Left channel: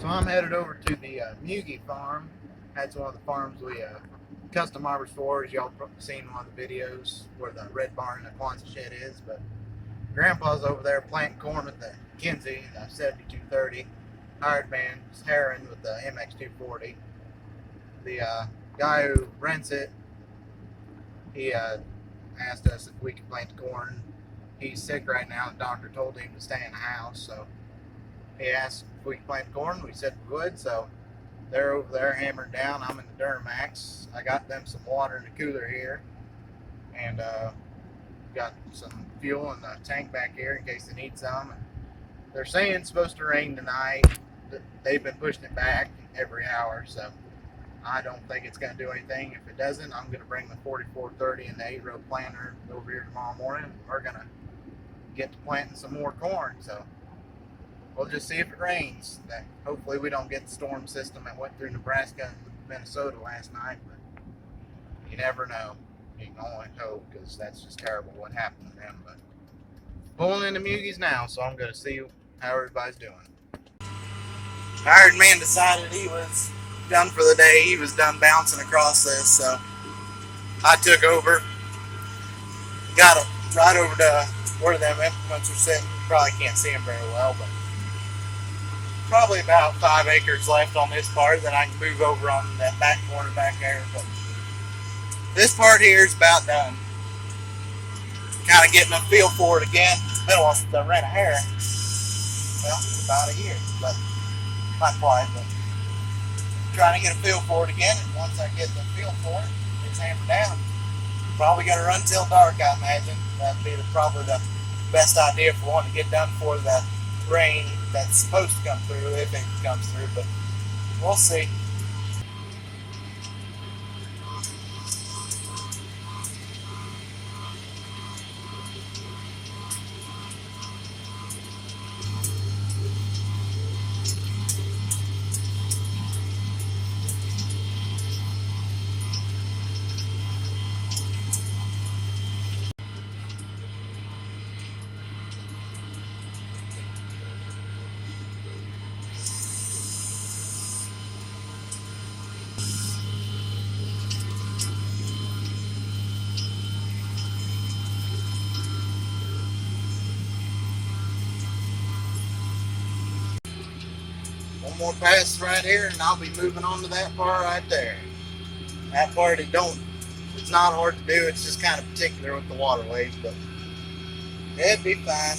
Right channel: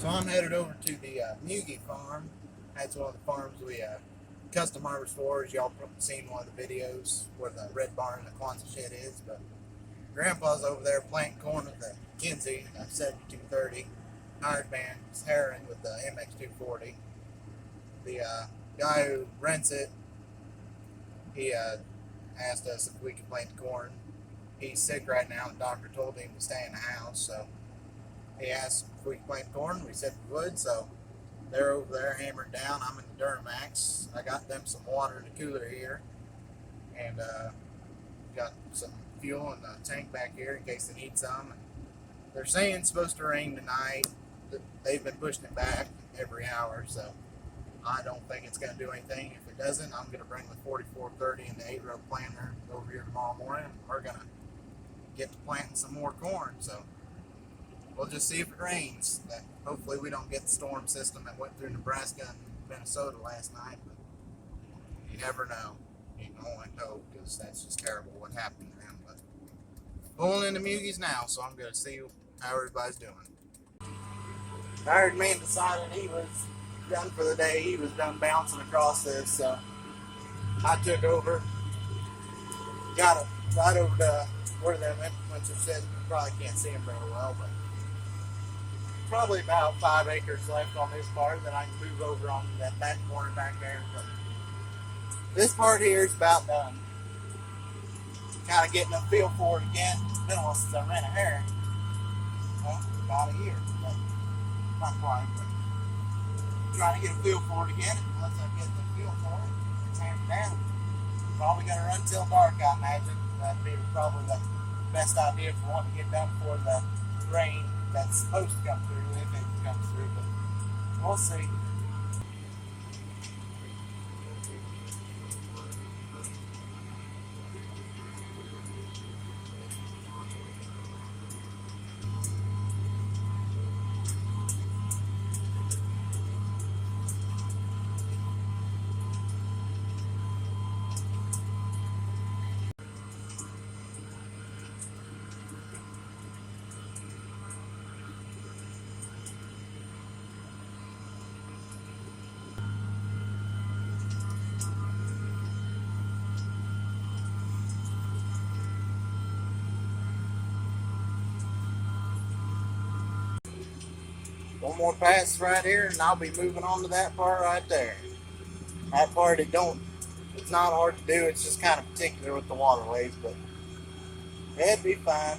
So I'm headed over to the Mugi farm. That's one of the farms we custom harvest for, as y'all seen in one of the videos where the red barn and the Kwanzaa shed is. But Grandpa's over there planting corn with the Kinsey 7230. Hired man's harrowing with the MX240. The guy who rents it, he asked us if we could plant the corn. He's sick right now. The doctor told him to stay in the house, so he asked if we could plant corn. We said we would, so they're over there hammered down. I'm in the Duramax. I got them some water in the cooler here, and got some fuel in the tank back here in case they need some. And they're saying it's supposed to rain tonight. They've been pushing it back every hour, so I don't think it's going to do anything. If it doesn't, I'm going to bring the 4430 and the 8-row planter over here tomorrow morning. We're going to get to planting some more corn, so we'll just see if it rains. Hopefully we don't get the storm system that went through Nebraska and Minnesota last night, but you never know. You can only hope, because that's just terrible what happened to them. But pulling into Mugis now, so I'm going to see how everybody's doing. Hired man decided he was done for the day. He was done bouncing across this, so I took over. Got it right over to where them implements are sitting. You probably can't see them very well, but probably about 5 acres left on this part. Then I can move over on that back corner back there. But this part here is about done. Kind of getting a feel for it again. It's been a while since I ran a harrow. Well, about a year, but not quite. But trying to get a feel for it again. And once I get the feel for it, it's hammered down. Probably going to run till dark, I imagine. That'd be probably the best idea if we want to get done for the rain that's supposed to come through, if it comes through, but we'll see. One more pass right here, and I'll be moving on to that part right there. That part, it's not hard to do. It's just kind of particular with the waterways, but it'd be fine.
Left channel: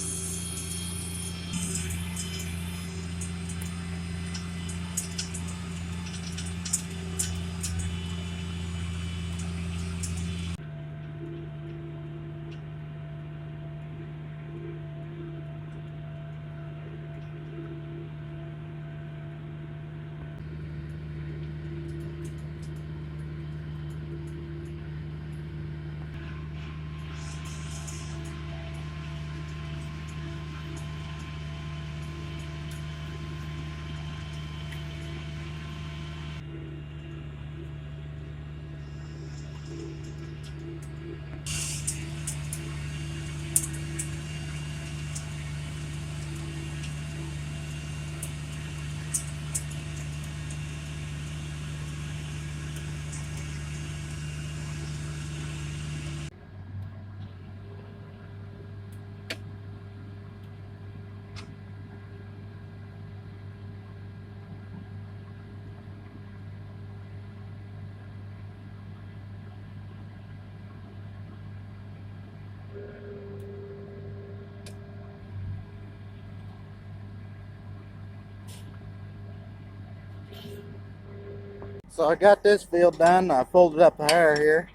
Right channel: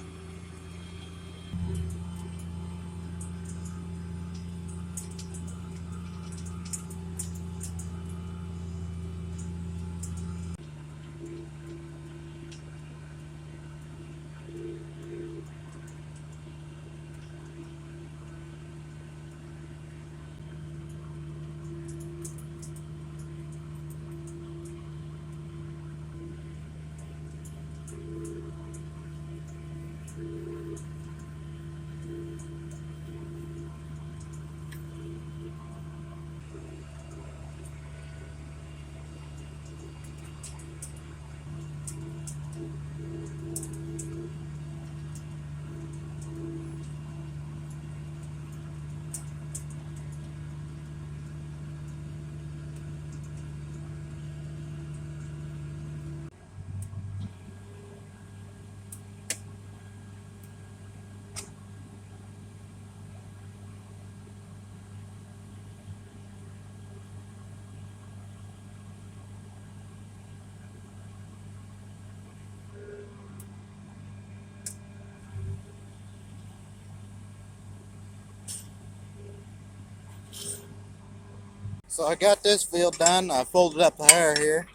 So I got this field done. I folded up the hair here,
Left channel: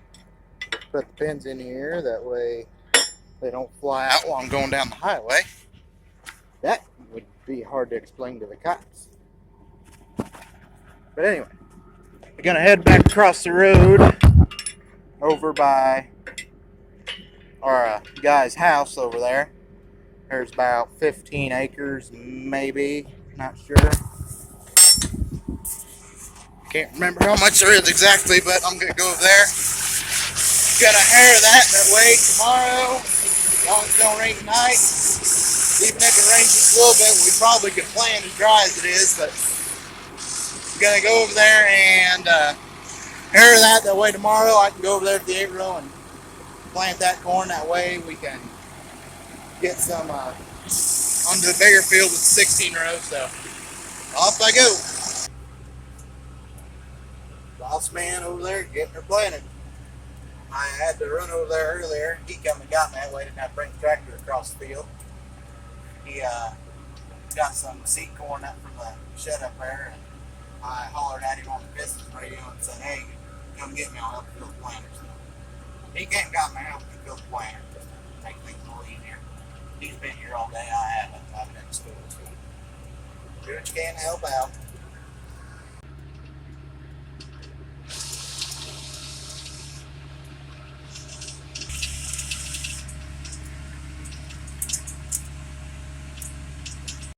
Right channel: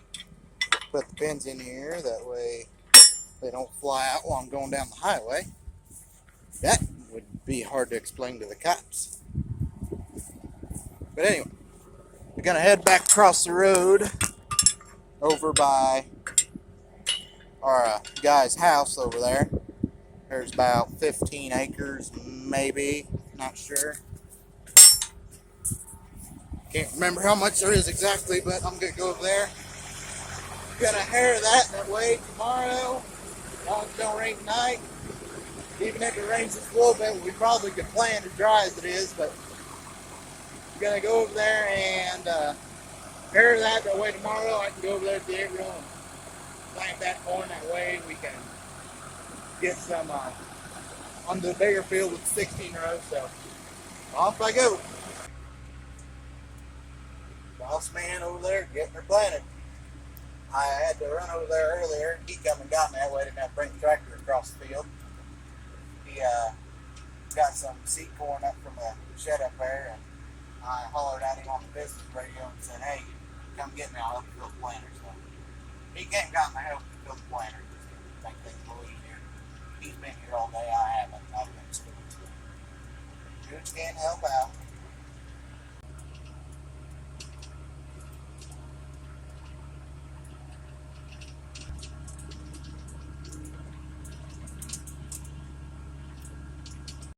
put the pins in here, that way they don't fly out while I'm going down the highway. That would be hard to explain to the cops. But anyway, we're gonna head back across the road over by our guy's house over there. There's about 15 acres, maybe, not sure. Can't remember how much there is exactly, but I'm going to go over there. Gonna harrow that way tomorrow, as long as it don't rain tonight. Even if it rains just a little bit, we probably can plant as dry as it is, but Gonna go over there and harrow that way tomorrow. I can go over there to the 8-row and plant that corn. That way we can get some onto the bigger field with 16 rows. So off I go. Boss man over there getting her planted. I had to run over there earlier. He come and got me that way. I didn't have to bring the tractor across the field. He got some seed corn up from the shed up there, and I hollered at him on the Pistons radio and said, "Hey, come get me. I'll help you fill the planter." So he came and got me help me fill the planter just to make things a little easier. He's been here all day. I haven't. I've been in school. So do what you can to help out.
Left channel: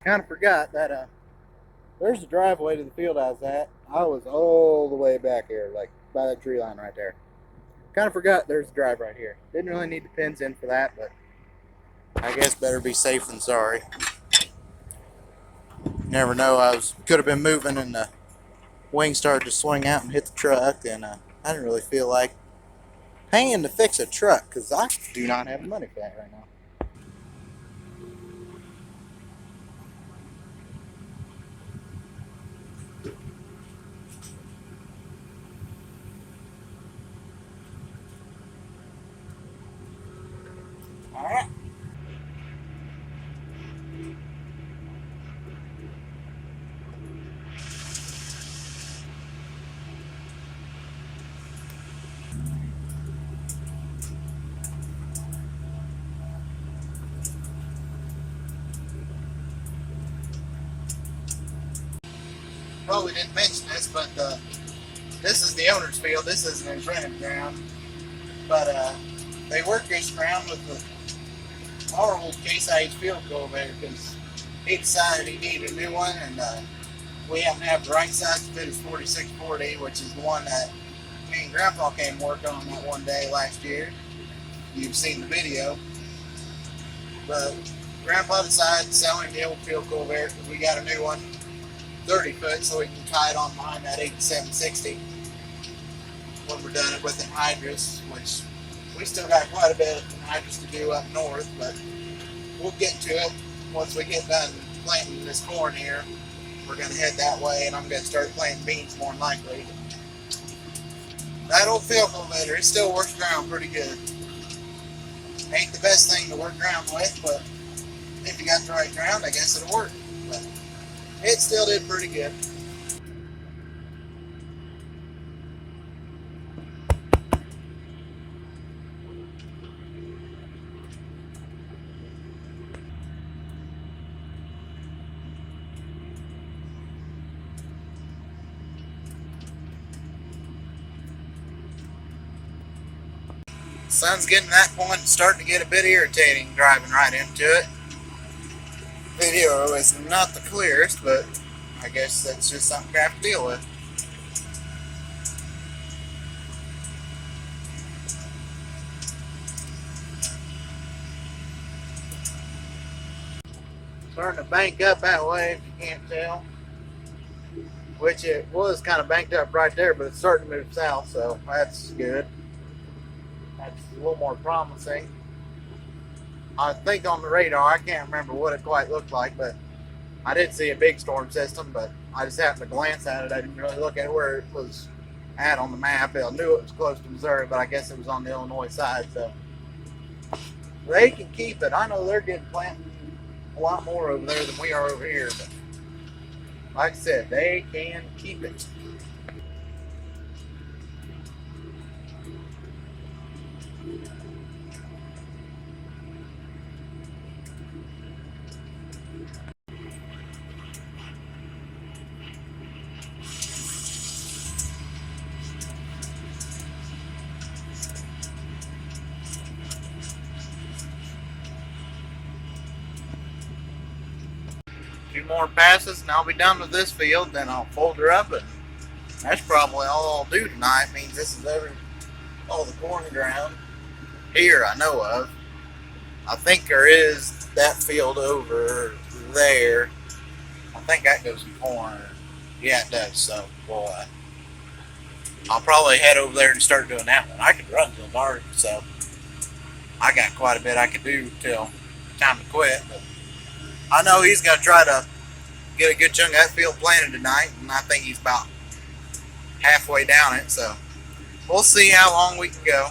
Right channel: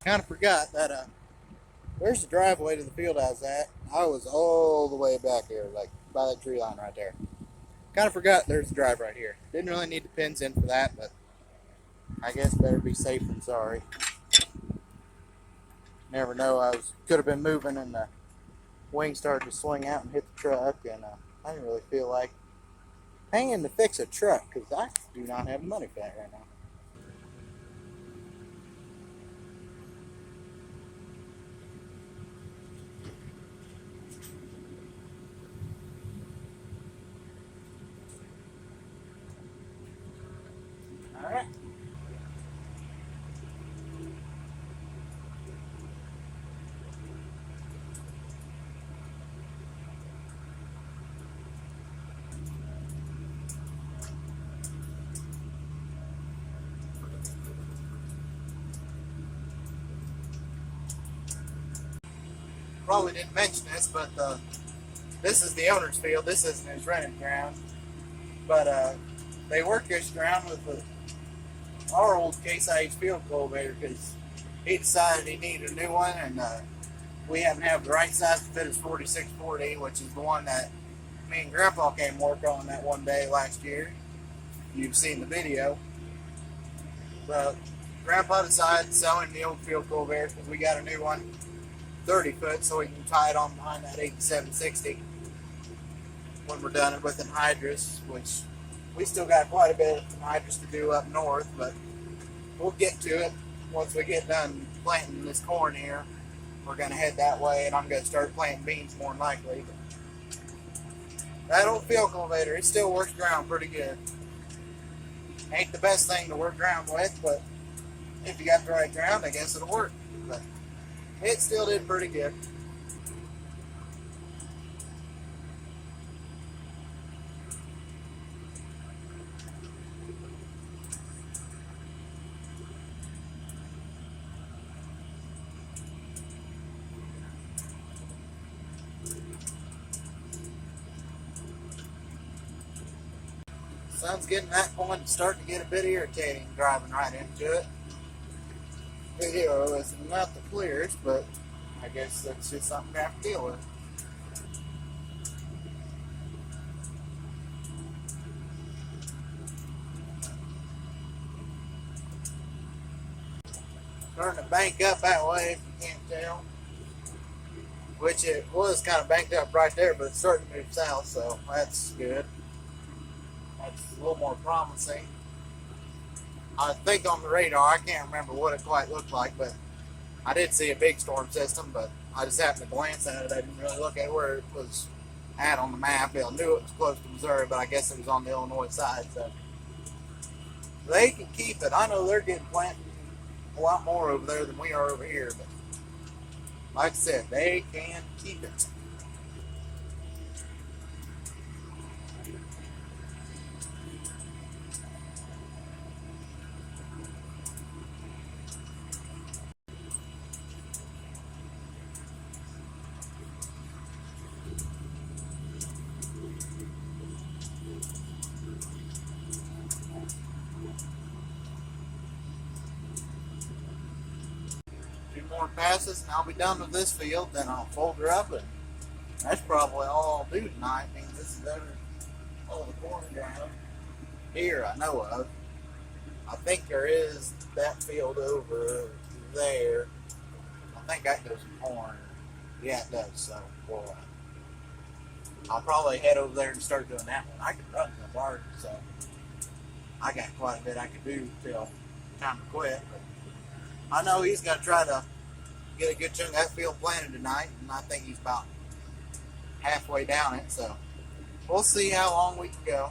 Kind of forgot that there's the driveway to the field I was at. I was all the way back here, like by that tree line right there. Kind of forgot there's the drive right here. Didn't really need the pins in for that, but I guess better be safe than sorry. Never know. Could have been moving and the wing started to swing out and hit the truck, and I didn't really feel like paying to fix a truck because I do not have the money for that right now. All right. Probably didn't mention this, but this is the owner's field. This isn't his rented ground, but they work this ground with our old Case IH field cultivator because he decided he needed a new one, and we happen to have the right size to fit his 4640, which is the one that me and Grandpa came work on that one day last year. You've seen the video. But Grandpa decided to sell him the old field cultivator because we got a new one, 30 foot, so we can tie it on behind that 8760 when we're done it with anhydrous, which we still got quite a bit of anhydrous to do up north, but we'll get to it once we get done planting this corn here. We're going to head that way, and I'm going to start planting beans more than likely. That old field cultivator, it still works ground pretty good. Ain't the best thing to work ground with, but if you got the right ground, I guess it'll work. But it still did pretty good. Sun's getting to that point, starting to get a bit irritating driving right into it. Video is not the clearest, but I guess that's just something we have to deal with. Starting to bank up that way, if you can't tell. Which it was kind of banked up right there, but it's starting to move south, so that's good. That's a little more promising. I think on the radar, I can't remember what it quite looked like, but I did see a big storm system, but I just happened to glance at it. I didn't really look at where it was at on the map. I knew it was close to Missouri, but I guess it was on the Illinois side, so they can keep it. I know they're getting planting a lot more over there than we are over here, but like I said, they can keep it. Two more passes and I'll be done with this field. Then I'll fold her up, and that's probably all I'll do tonight. Means this is all the corn ground here I know of. I think there is that field over there. I think that goes in corn. Yeah, it does. So, well, I'll probably head over there and start doing that one. I could run till dark, so I got quite a bit I could do till time to quit. But I know he's gonna try to get a good chunk of that field planted tonight, and I think he's about halfway down it. So we'll see how long we can go.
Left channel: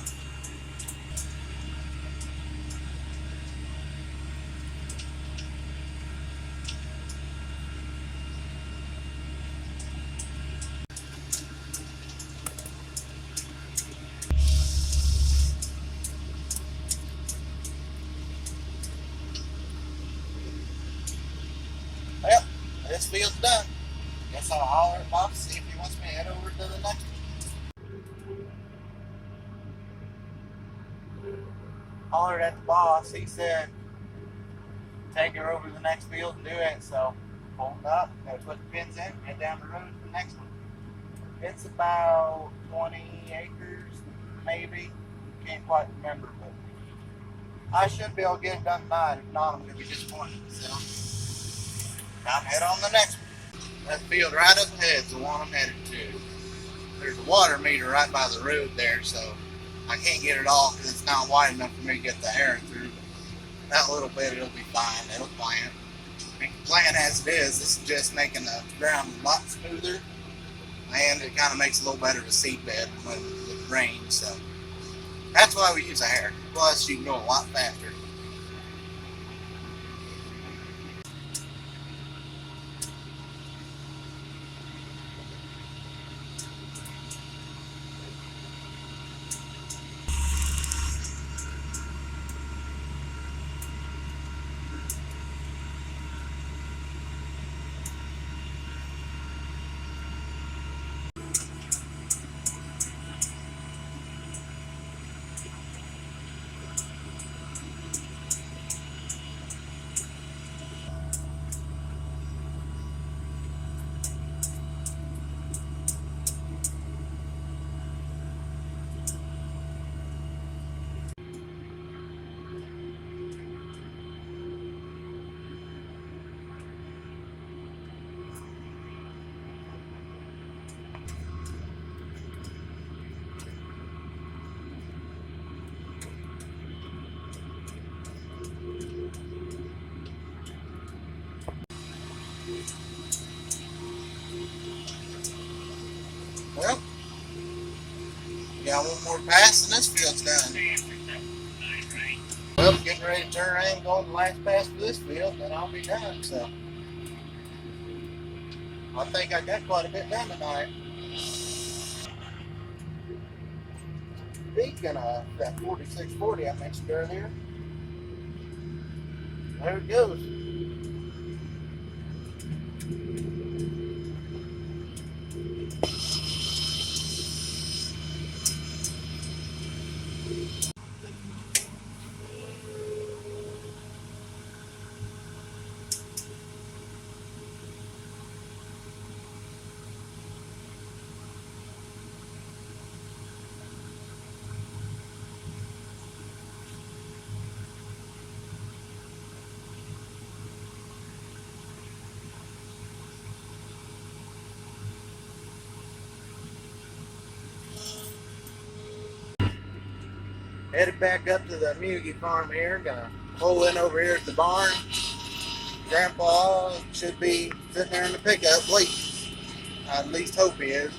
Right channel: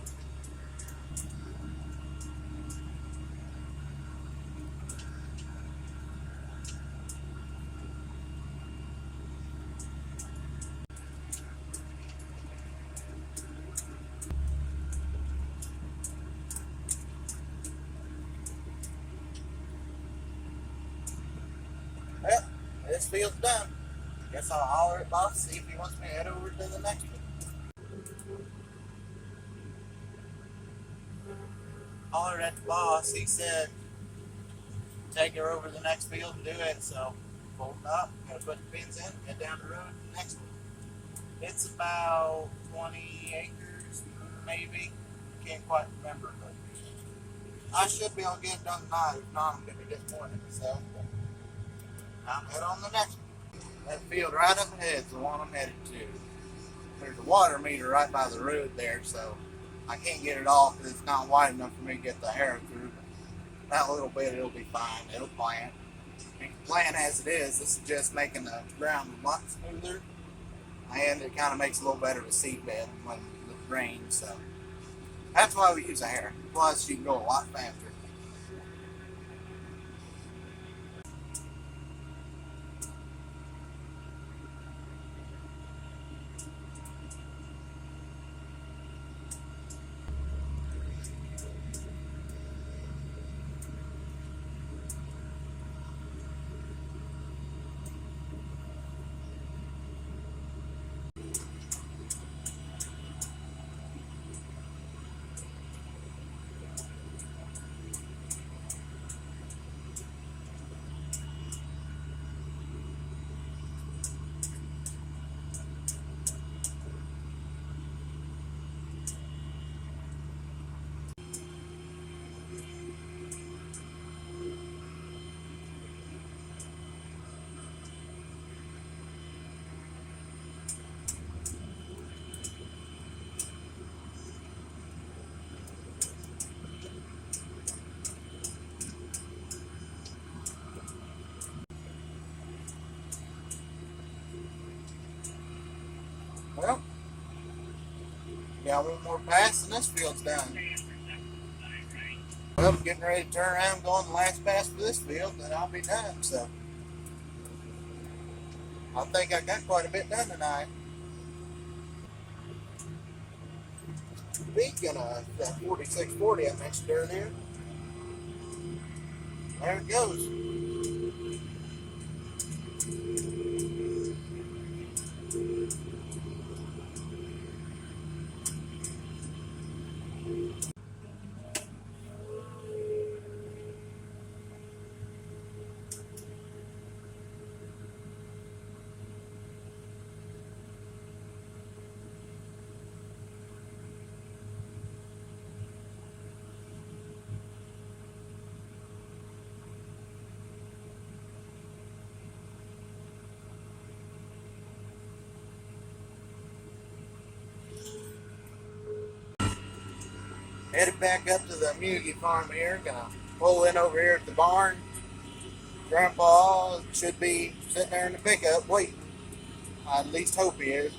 Well, this field's done. Guess I'll holler at Bob, see if he wants me to head over to the next one. Hollered at the boss. He said, take her over to the next field and do it. So, pulled up, got to put the pins in, head down the road to the next one. It's about 20 acres, maybe. Can't quite remember, but I should be able to get it done tonight. If not, I'm going to be disappointed in myself. Time to head on the next one. That field right up ahead is the one I'm headed to. There's a water meter right by the road there, so I can't get it all because it's not wide enough for me to get the harrow through. But that little bit, it'll be fine. It'll plant. I mean, plant as it is, this is just making the ground a lot smoother, and it kind of makes a little better of a seed bed when it rains. So that's why we use a harrow. Plus, you can go a lot faster. Well, we got one more pass and this field's done. Well, getting ready to turn around, going the last pass for this field, then I'll be done. So I think I got quite a bit done tonight. Speaking of that 4640 I mentioned earlier, there it goes. Headed back up to the Mugi farm here. Gonna pull in over here at the barn. Grandpa should be sitting there in the pickup waiting. I at least hope he is.